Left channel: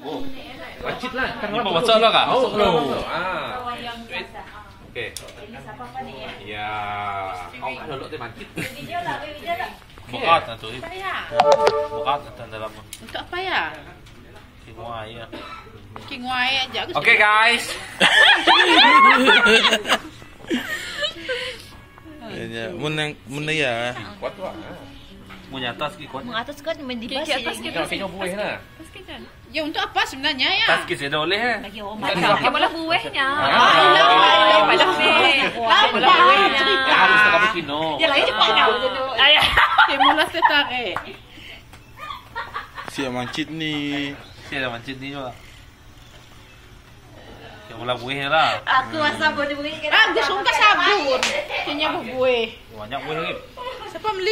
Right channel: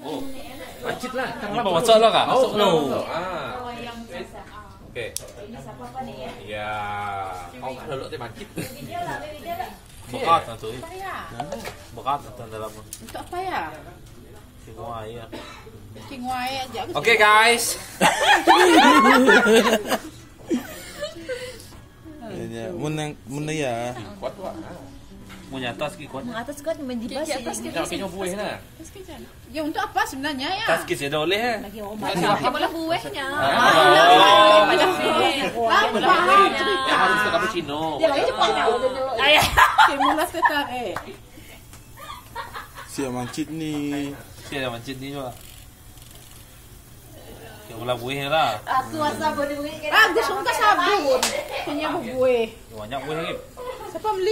Oh, Racit lah. ini masak lah kak? Masuk lo. Okey. Ini siapa apa nih ya? Ya. Kau kan dulu tu mancit. Video lah, video lah. Bekat tu. Saya. Bekat tu dalam. Untuk apa ya? Semua ya. Kingwai aja. Okey guys. Mun ya. Kuat kuat. Mau nyatas ki kuat. Mengatas kan mendibas Ke atas Kita tengok buih lah. Ya untuk apa sebenarnya ya? Tas ki saya dah boleh eh. Bagi Oh, orang Macam makan. malah buahnya. Malah Malah buahnya. Harus tak cappuccino. Ya lagi cepat nak. Simula setare. Siap mancit ni. Saya dah mancit ni juga. Saya mula buih lah. Aku rasa boleh beri. Ah, gusto ka sabon. Kanya bubuhay. Banyak buih lagi. Sa pamli